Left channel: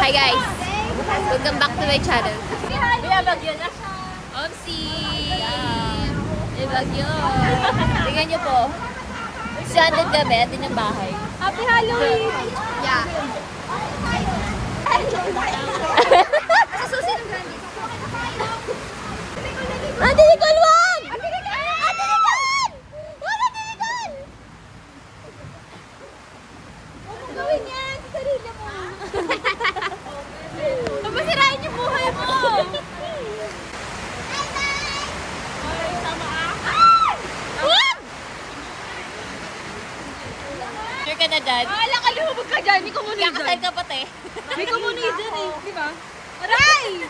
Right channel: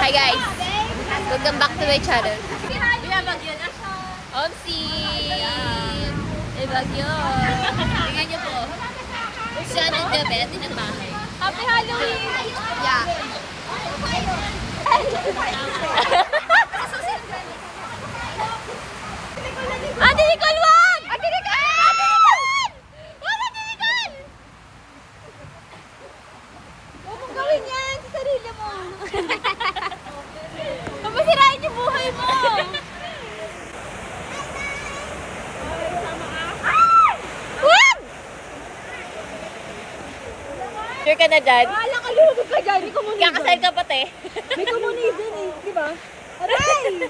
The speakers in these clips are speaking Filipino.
Hi guys! Welcome back to my channel. Omsi! Eh, bagyo! Tignan niyo po. Siya ng gabi at ng bahay. Happy Halloween! Yeah. Sa susi ng gani. Ate Nicole, wag! Ate Nicole! Ate Nicole! Wag, Ate Nicole! Huwag gawin yan sa sarili mo. Masirain yung buhay mo! Ay, sama ako! Wag! Sure ka na dyan? Wala ka, lumabog ka dyan. May kumunid dyan. Kakasal ka pati. May kumunid dyan eh. Diba? Aray!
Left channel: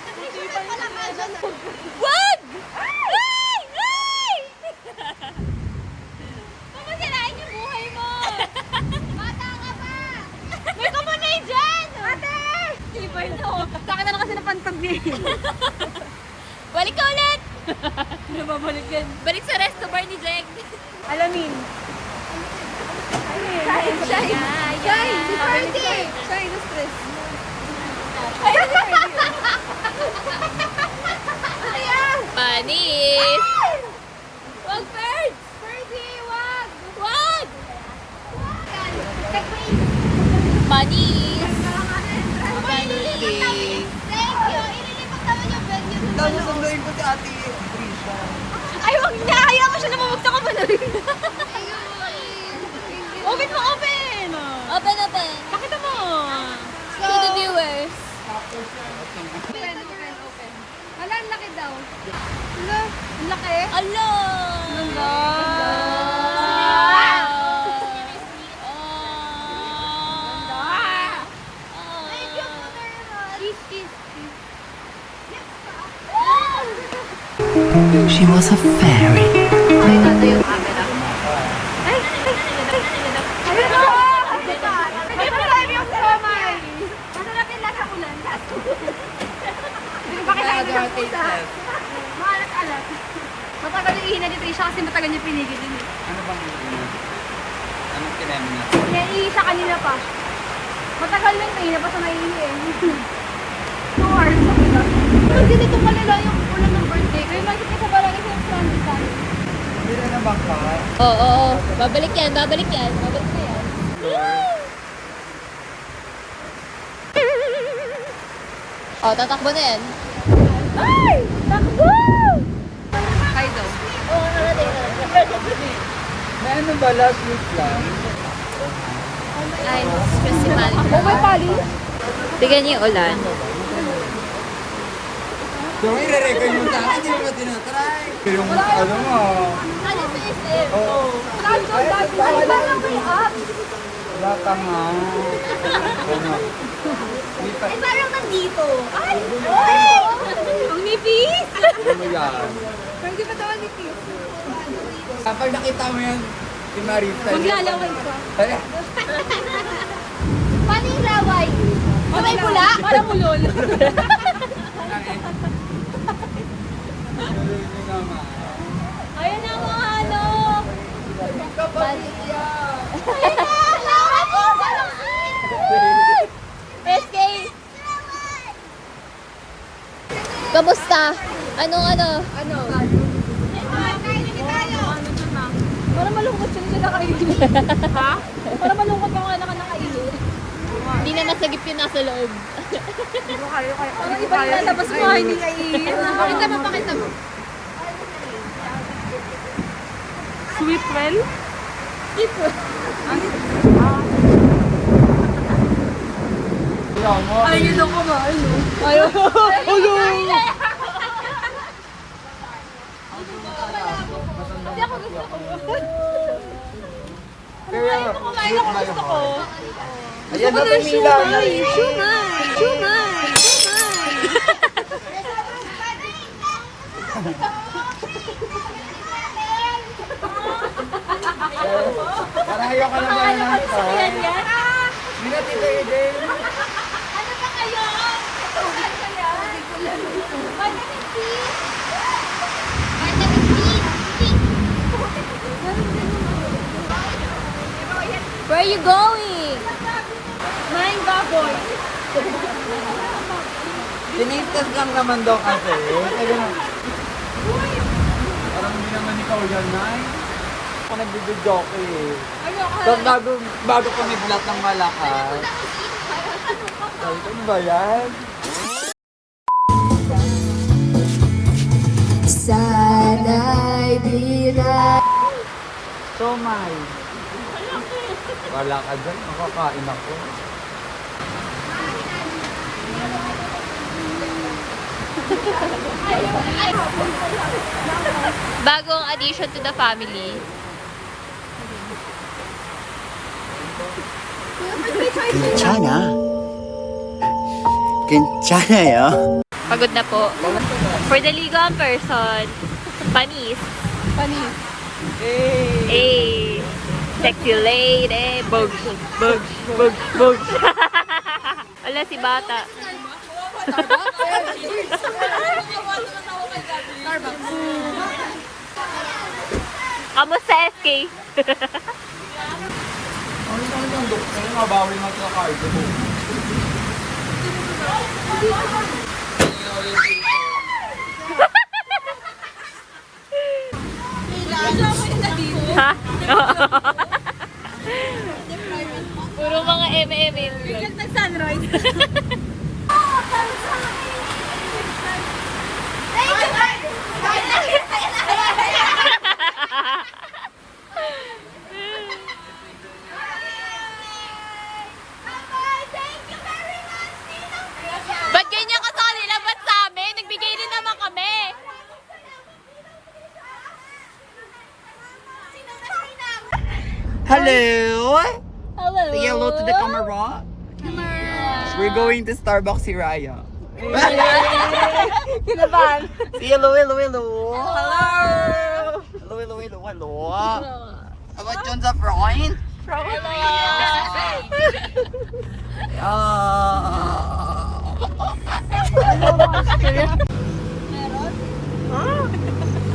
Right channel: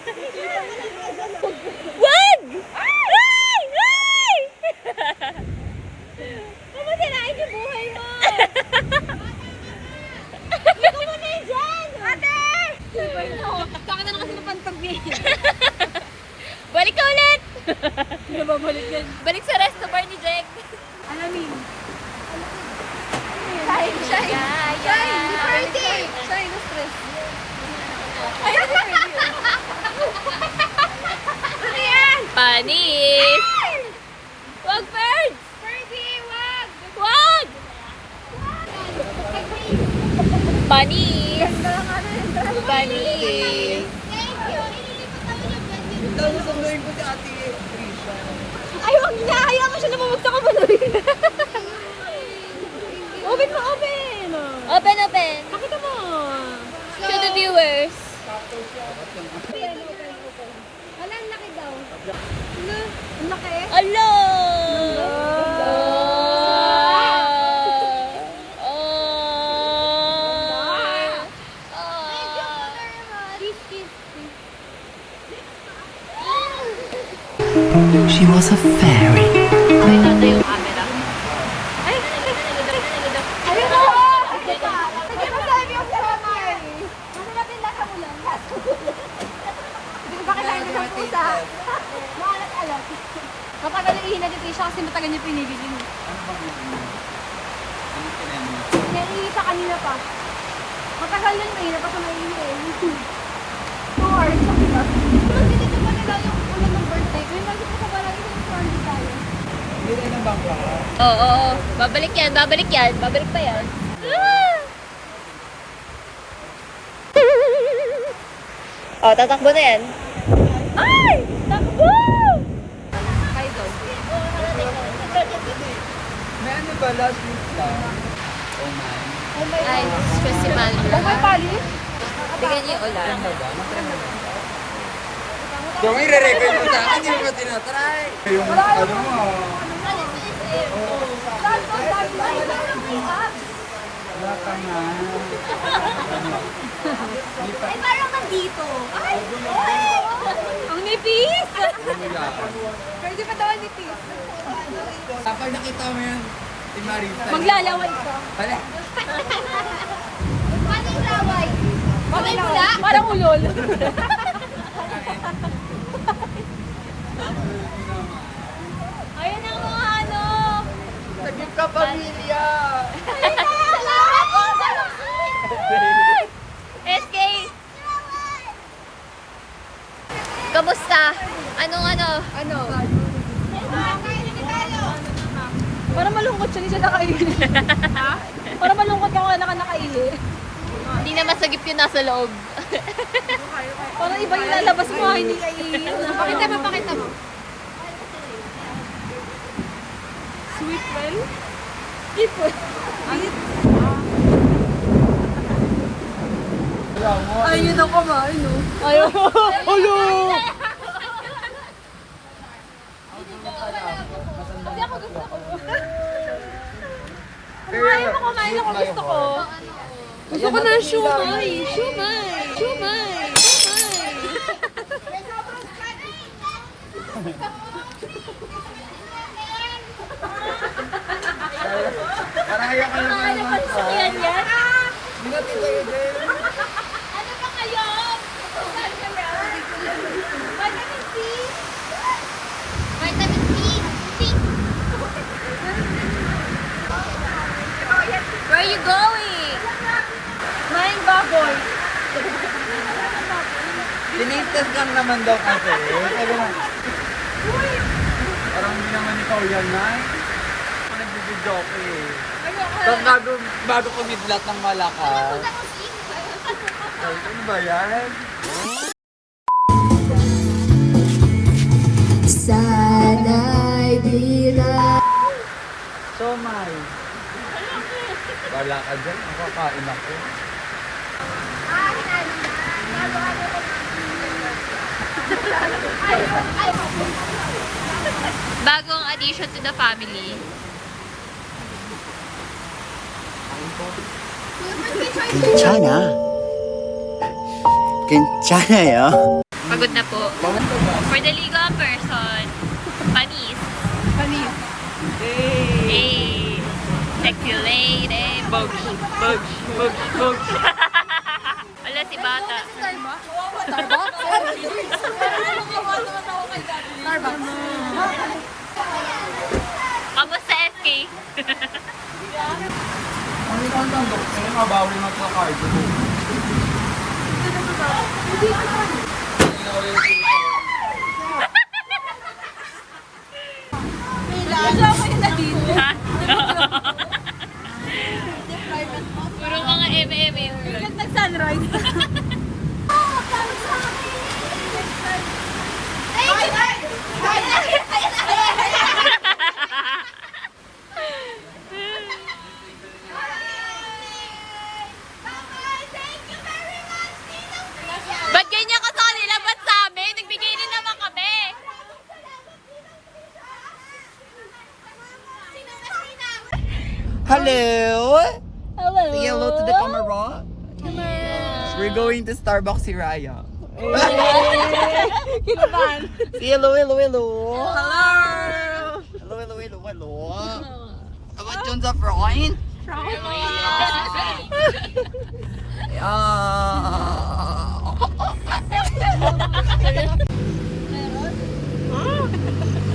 Wag! Ay! Ay! Masirain yung buhay mo! Bata ka pa! May kumunid dyan! Ate! Diba ito? Saka na lang kasi napantabi. Balik ka ulit! Hindi babalik yan. Balik sa resto bar ni Jack. Alamin. Shine! Shine! Shine! Shine! Na-stress. Ay, na-stress. Ano yan? Panis! Wag, birds! Birdie, wag! Wag! Panis! Panis! Thank you! Inilipat naman yung venue. Ikaw nasunduin ko si Ate Trisha. Ay, wag niya! Ayaw mo siya na mamagsak ka ba na rin? Open mo, open! Open, open! Pakita mo! To the viewers. Open, open, open. Hala, ang laki daw. Hala, ang laki? Hala! Thank you very much. She was a fairy. Ay, nasa yung camera. Ay! Ayun o! Hindi mo sabi yung somay. Masarap yung lasa ulan. Hindi ko pa kailangan ng isa. Maalat-alat. Matagal yung ihina ni Trisha kasi matagal yung pinigilin. Ano bang yun? Anong kinema niya? Iisa kanina pa. Matagal yun, mahina pa sa naiihi. 2 hours, sabi ka. Pag dinito pa nila yung ulan ng birthday ko, imagine ka sa barangay sa yung stranded tayo. Hindi rin ang bangka. Oo. Babalik yan, babalik yan. Babalik pa yan. Oh, tatakbo na yan. Ay! Takbo! Kaido. May ano ba? Last week lang. Ay, stress si Mandra. Tignan niyo yung ulan. So, i-re-record mo sa akin. Hindi mo ka tinatry. Yung ano mo. Ano sa isip? Oo. Wala ka nga. Ano? Ay, parang nandito. Ay! Ay! Ang nipis! Ano yan? Hindi pa tawa nipis. Kapag nakita mo yan, si Marita. Maglalaway ka. Ay, Paano yung laway? Mamay mula? Parang ulol. Ayun ang mga ano. Naging kapamilya. Salamat po sa SK! Kamusta? Anong ano? Ano ba? Parang malungkot siya, hindi siya nakaihi. Ha? Parang malungkot yung anak nakaihi. Hindi na masagip yung nasa loob. Parang iba yung nalabas mo, hindi kaihi. Pakita mo, pakita mo. Sweet well? Sweet well? Ayun ako nga. Ayun. Ayun. Matanda na kasi ako. Pero, cute na yung heart. Ayan na, tumila. Shumay! Shumay! Shumay! Parang ayaw ka naman ng heart. Ayan yan! Hindi na titay-day. Ano na kayo? Saan ka yan? Vitamin C! Vitamin C! Where are you going? Maing baboy. Tinitest lang naman daw kasi. Sabi na, parang hindi naman ikaw yan, Nay. Ako nagbibidyo ko eh. So, bago kumidlat ng malakas. Ay, ano ba yan? Sana'y di na. So, May. Wala ka dyan. Makakain ako. Bagong addition to the family. 괜찮아. 괜찮아요. Pagod na po. For the legal person, panis. Panis. Hey. Check you later. Bugs. Wala si bata. Kamusta SK? Ano mabawi mo sa card? Ha? Puro mga MM. Biglang nag-sunrise. Ba't ganyan ka sa kanila? Ba't sa amin? Nagbigay din naman kami. Hello! Hello. Say hello to the camera. We're going to Starbucks si Raya. Kinabahan. Say hello. Hello. Hello. About John sa front? Hello.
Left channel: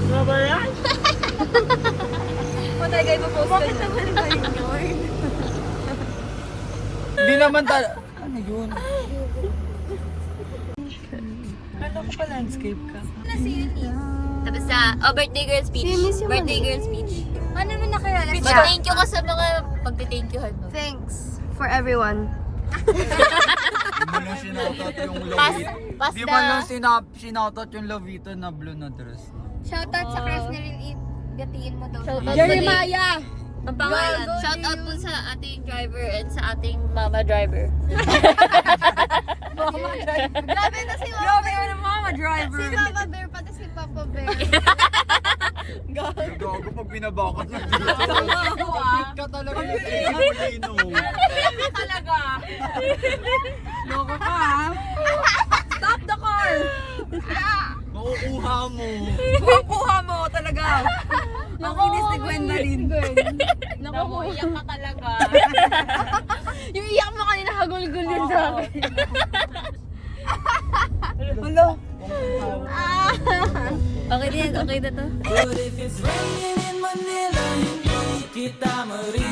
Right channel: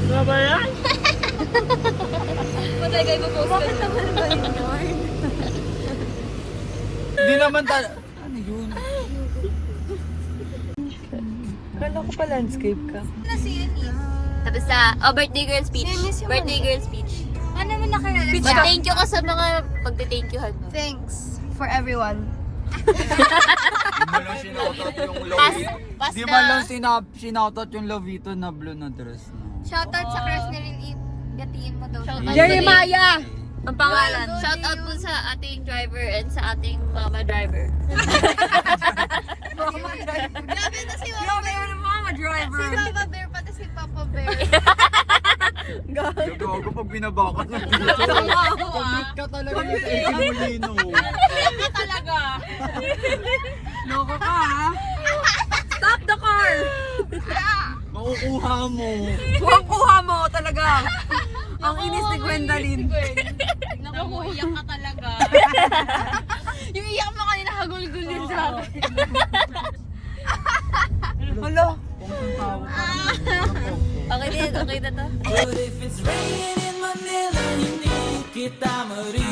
Ano ba yan? Patay mo post. Bakit naman ba yun? Di naman ano yun? Kala ko pa landscape ka. Tapos sa birthday girl speech. Birthday girl speech. Ano naman nakarala? Thank you ka sa mga pagde-thank you. Thanks for everyone. Di man lang sinautot yung Pass Di man lang sinautot yung Lovito na blue na dress. Shoutout sa crush ni Rayne. Gatiin mo daw. Shoutout Jeremiah! Ang pangalan. Shout out po sa ating driver and sa ating mama driver. Grabe na si Mama Bear. Mama driver. Si Mama Bear pati si Papa Bear. Nagago pag binabakat ng dito. Paglit ka talaga yung Simulino. Talaga. Loko ka ha? Stop the car! Makukuha mo. Kuha mo talaga. Ang inis ni Gwendolyn. Naku, iyak ka talaga. Yung iyak mo kanina, hagulgul yun sa akin. Hello? Okay na to. But if it's raining in Manila, hindi kita marinig.